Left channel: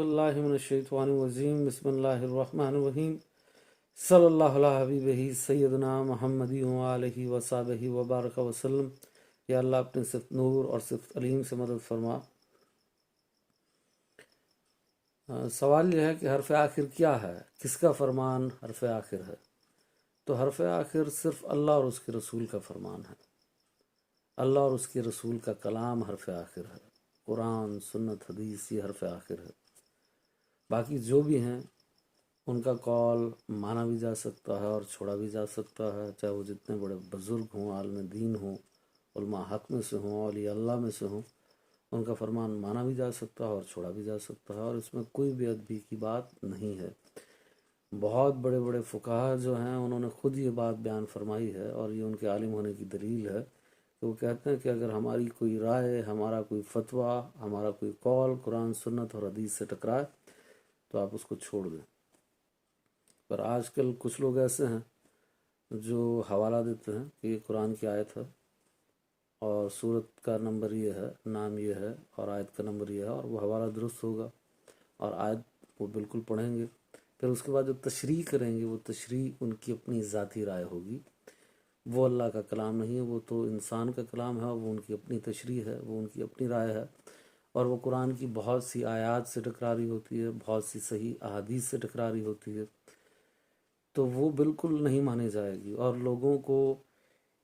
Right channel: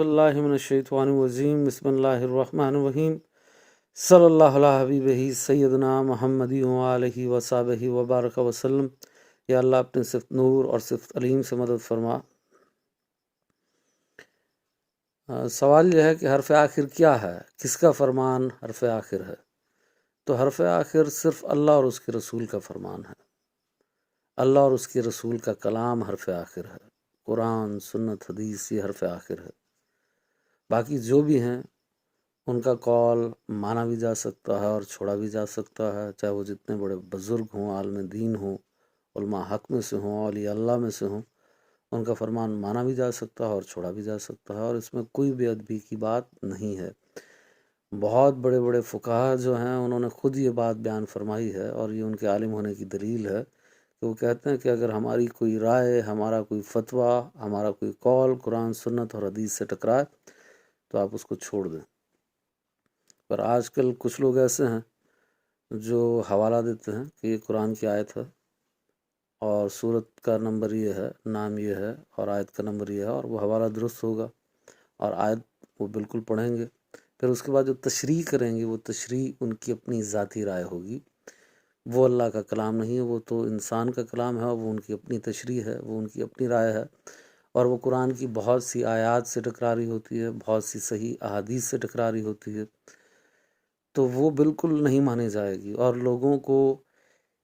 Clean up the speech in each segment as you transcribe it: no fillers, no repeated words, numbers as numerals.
اللہ من الشیطان الرجیم بسم اللہ الرحمن الرحیم صلی اللہ علیہ حبیبہ سیدنا محمد وآلہ وصحبہ وبارک وسلم۔ یا اللہ اپنے صفت نور اور صفت علیم سے مدد فرما۔ سوال یہ ہے کہ حرف آخر کیا ہے، کس کا فرمان حرف آخر ہے؟ تو حرف آخر صرف اللہ اور اس کے رسول کا فرمان ہے۔ اللہ اور اس کے رسول کا کلام حرف آخر ہے۔ قرآن، سنت، حدیث یہ حرف آخر ہے۔ باقی جو بھی ہیں ان کا قول مانا بھی جا سکتا ہے اور چھوڑا بھی جا سکتا ہے، چاہے وہ جتنے بڑے بزرگ ہوں، عالم دین ہوں، علماء حق میں سے ہوں، اولیاء اللہ میں سے ہوں، ان کا فرمان مانا بھی جا سکتا ہے اور چھوڑا بھی جا سکتا ہے، اور اس میں کوئی بے ادبی کی بات نہیں ہے۔ بہت بڑے بڑے فقہا جو ہیں انہوں نے خود یہ بات بیان فرمائی ہے، اور یہ ان کے عالم ہونے کی دلیل ہے کہ وہ کہتے ہیں کہ اگر ہماری کوئی رائے، ہمارا کوئی فتویٰ، ہمارا کوئی قول قرآن، سنت اور حدیث سے ٹکرائے تو آپ اس کو چھوڑ دیں۔ پر آج کل کچھ لوگ ایسے ہیں جو حوالہ دیتے ہیں کہ یہ قرآن کی آیت ہے اور سورت کا نمبر یہ ہے، نام یہ ہے، اور آیت کا نمبر یہ ہے، اور وہ حوالہ درست ہوگا اور آیت وہ بالکل پڑھیں گے۔ پھر اس کے بعد جو تشریح کریں گے وہ تشریح ان کی اپنی ذاتی رائے ہوگی، وہ اللہ کا کلام نہیں ہے، وہ تو انسان کا کلام ہے، اور وہ ان کی اپنی تشریح ہے، وہ ان کی اپنی رائے ہے، اور وہ قرآن کی بہت سی آیات سے ٹکراری ہوتی ہے، بہت سی صحیح احادیث سے ٹکراری ہوتی ہے، تو وہ بالکل نہیں مانی جائے گی۔ اور لوگوں کو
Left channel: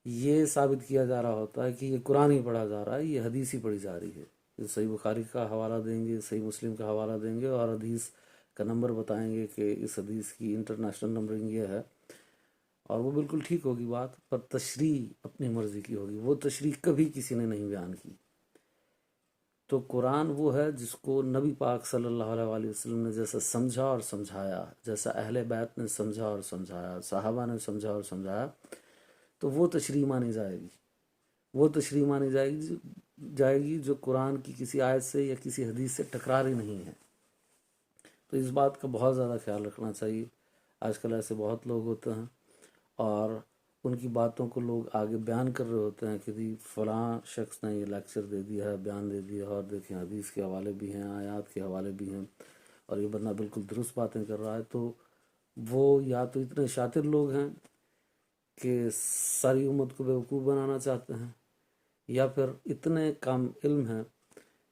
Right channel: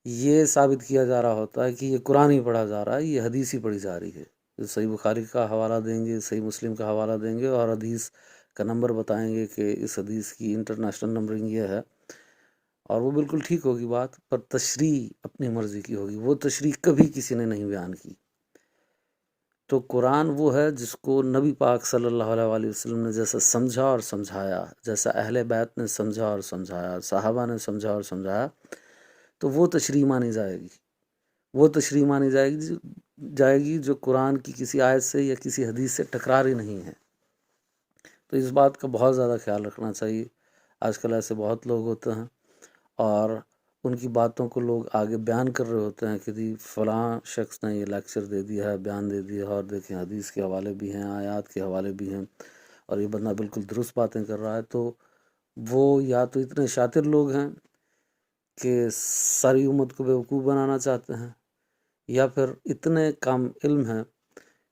یہ ثابت کیا جا رہا ہوتا ہے کہ یہ قرآن ہی پڑھا جا رہا ہے، یہ حدیث ہی پڑھی جا رہی ہے۔ صحیح بخاری کا حوالہ دیں گے، صحیح مسلم کا حوالہ دیں گے، اور حدیث کا نمبر بتائیں گے کہ اس حدیث کی انٹرنیشنل نمبرنگ یہ ہے، اور وہ بالکل ٹھیک ہوگی بات، پر تشریح اپنی مرضی کی ہوگی، وہ تشریح کبھی کسی نے نہیں بیان کی۔ تو قرآن وہ ہے جس کو نبی پاک صلی اللہ علیہ وآلہ وسلم نے جیسا سمجھا اور سمجھایا، جیسا اہل بیت نے سمجھا اور سمجھایا، صحابہ نے سمجھا اور سمجھایا، تو وہ تشریح مانی جائے گی۔ وہ تشریح مانی جائے گی جو قرآن کی کسی آیت سے یا کسی حدیث سے ٹکراری نہیں ہے۔ تو اس بات کا بہت زیادہ خیال رکھنا چاہیے۔ آج کل ایسے بہت لوگ ہوتے ہیں اور ان کی باتوں کو لوگ آگے بیان کر رہے ہوتے ہیں کہ جی فلاں شخص نے یہ لیکچر دے دیا ہے، بیان دے دیا ہے، اور دیکھیں حدیث کے حوالے بھی ہیں، آیات کے حوالے بھی ہیں، اور یہ بندہ بالکل درست باتیں کر رہا ہے۔ تو وہ یا تو اتنے شاطر لوگ ہیں کہ ساری امت کو بیوقوف بنانا چاہتے ہیں، یا پھر اتنے کم علم ہیں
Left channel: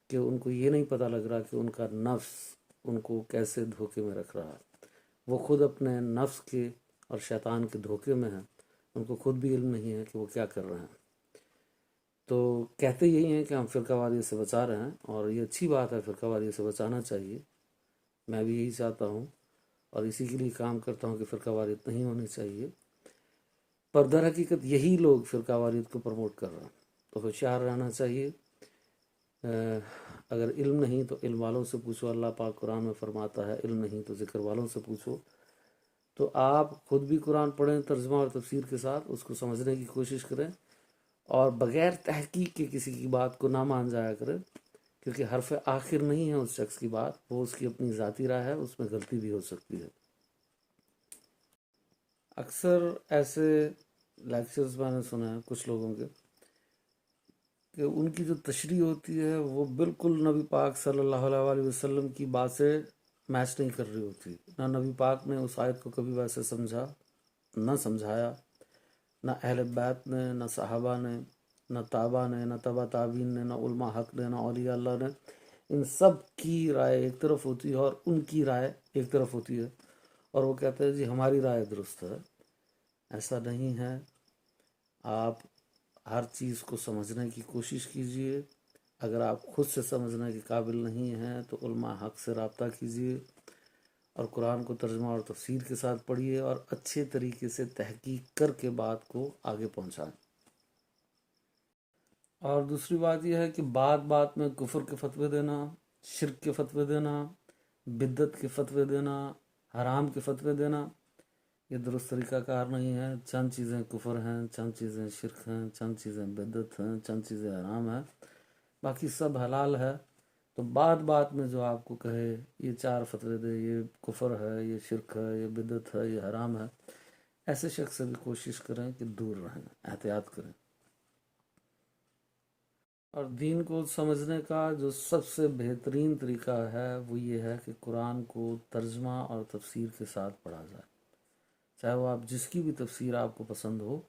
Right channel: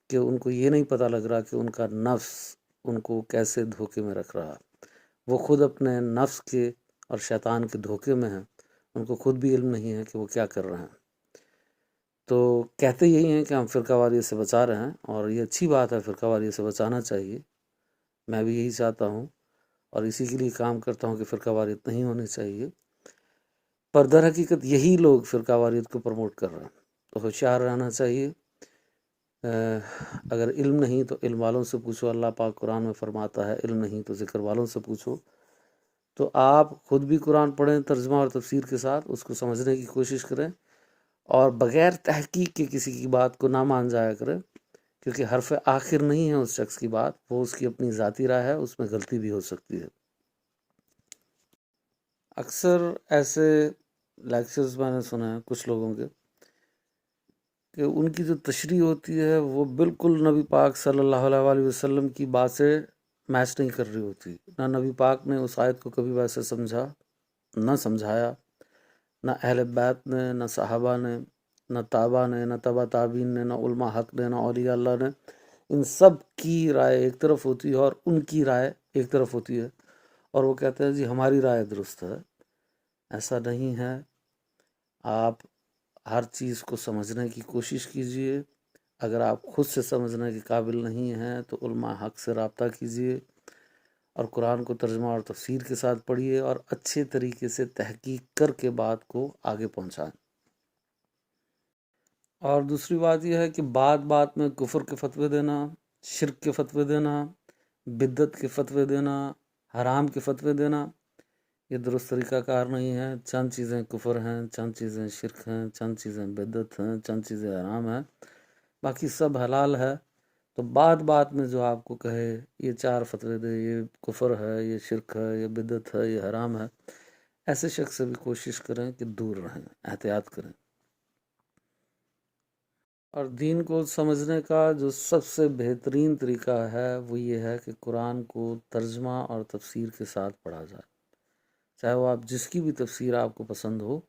کہ ان کو یہ نہیں پتہ لگ رہا کہ ان کا نفس ان کو کیسے دھوکے میں رکھ رہا۔ وہ خود اپنے نفس کے اور شیطان کے دھوکے میں ہیں، ان کو خود بھی علم نہیں ہے کہ وہ کیا کر رہے ہیں۔ تو کہتے یہی ہیں کہ ہم فرقہ واریت سے بچا رہے ہیں، اور یہ اچھی بات ہے، فرقہ واریت سے بچانا چاہیے، میں بھی یہی چاہتا ہوں اور اسی کے لیے کام کرتا ہوں کہ فرقہ واریت نہیں ہونی چاہیے۔ پر در حقیقت یہی لوگ فرقہ واریت کو پروموٹ کر رہے ہیں، تو ہوشیار رہنا چاہیے۔ اگر علم نہیں تو علم والوں سے پوچھو، اللہ پاک قرآن میں فرماتا ہے علم نہیں تو ذکر والوں سے پوچھو۔ تو آپ خود بھی قرآن پڑھیں ترجمہ اور تفسیر کے ساتھ، اس کو سمجھنے کی کوشش کریں، اور بغیر تحقیق کے کسی کی بات کو نہ مان جایا کریں، کیونکہ حرف آخر نہیں ہے اس شخص کی بات، وہ اس کی اپنی ذاتی رائے ہے، اس میں غلطی بھی ہو سکتی ہے۔ اکثر ایسے لیکچرز میں نے سنے ہیں کچھ لوگوں کے کہ ان کی جو تشریح ہوتی ہے وہ بالکل نبی پاک صلی اللہ علیہ وآلہ وسلم کی بات سے میچ نہیں کر رہی ہوتی۔ نہ نبی پاک نے اس آیت کو کبھی ویسے سمجھا، نہ سمجھایا، نہ اہل بیت نے، نہ صحابہ نے، نہ تابع نے، نہ تبع تابعین نے، نہ علماء حق نے، نہ اولیاء اللہ نے۔ ان سب کی رائے ایک طرف ہوتی ہے اور ان کی رائے ایک طرف ہوتی ہے، اور وہ کہتے ہیں جی ہماری رائے درست ہے۔ ایسا نہیں ہے۔ آپ ہر چیز کو سمجھنے کی کوشش کیجئے۔ اگر آپ خود سے سمجھنے کے قابل نہیں ہیں تو علماء حق سے رابطہ کیجئے، اور قرآن کو ترجمہ اور تفسیر کے ساتھ پڑھیے، اور اچھے طریقے سے تحقیق کر کے بات کو آگے پہنچائیں۔ اور دوسری بات یہ ہے کہ بات بات میں کفر کے فتوے دینا، شرک کے فتوے دینا، بدعت کے فتوے دینا، حرام کے فتوے دینا، یہ درست طریقہ کار نہیں ہے۔ چند چیزیں کفر ہیں، چند چیزیں شرک ہیں، چند چیزیں بدعت ہیں، چند چیزیں حرام ہیں، باقی سب حلال ہے۔ تو بات بات میں جو آپ کو کہے یہ چار فتوے دے، یہ کفر ہے، یہ شرک ہے، یہ بدعت ہے، یہ حرام ہے، ایسے شخص سے بھی کوشش کریں کہ دور رہیں، احتیاط کریں۔ اور دین کو سمجھنے کا جو سب سے بہترین طریقہ ہے وہ یہ ہے کہ قرآن کو ترجمہ اور تفسیر کے ساتھ پڑھا جائے، چاہے وہ آپ جس کی بھی تفسیر آپ کو پسند ہو،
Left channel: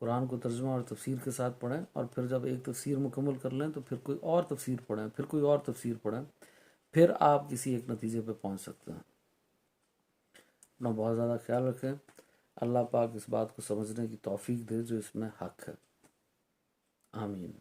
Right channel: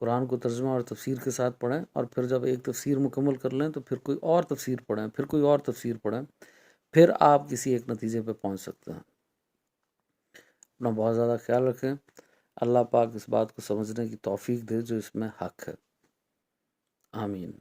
قرآن کو ترجمہ اور تفسیر کے ساتھ پڑھیں، اور پھر جب ایک تفسیر مکمل کر لیں تو پھر کوئی اور تفسیر پڑھیں، پھر کوئی اور تفسیر پڑھیں، پھر آپ کسی ایک نتیجے پہ پہنچ سکتے ہیں۔ اپنا بہت زیادہ خیال رکھیں، اللہ پاک اس بات کو سمجھنے کی توفیق دے جو اس میں حق ہے، آمین۔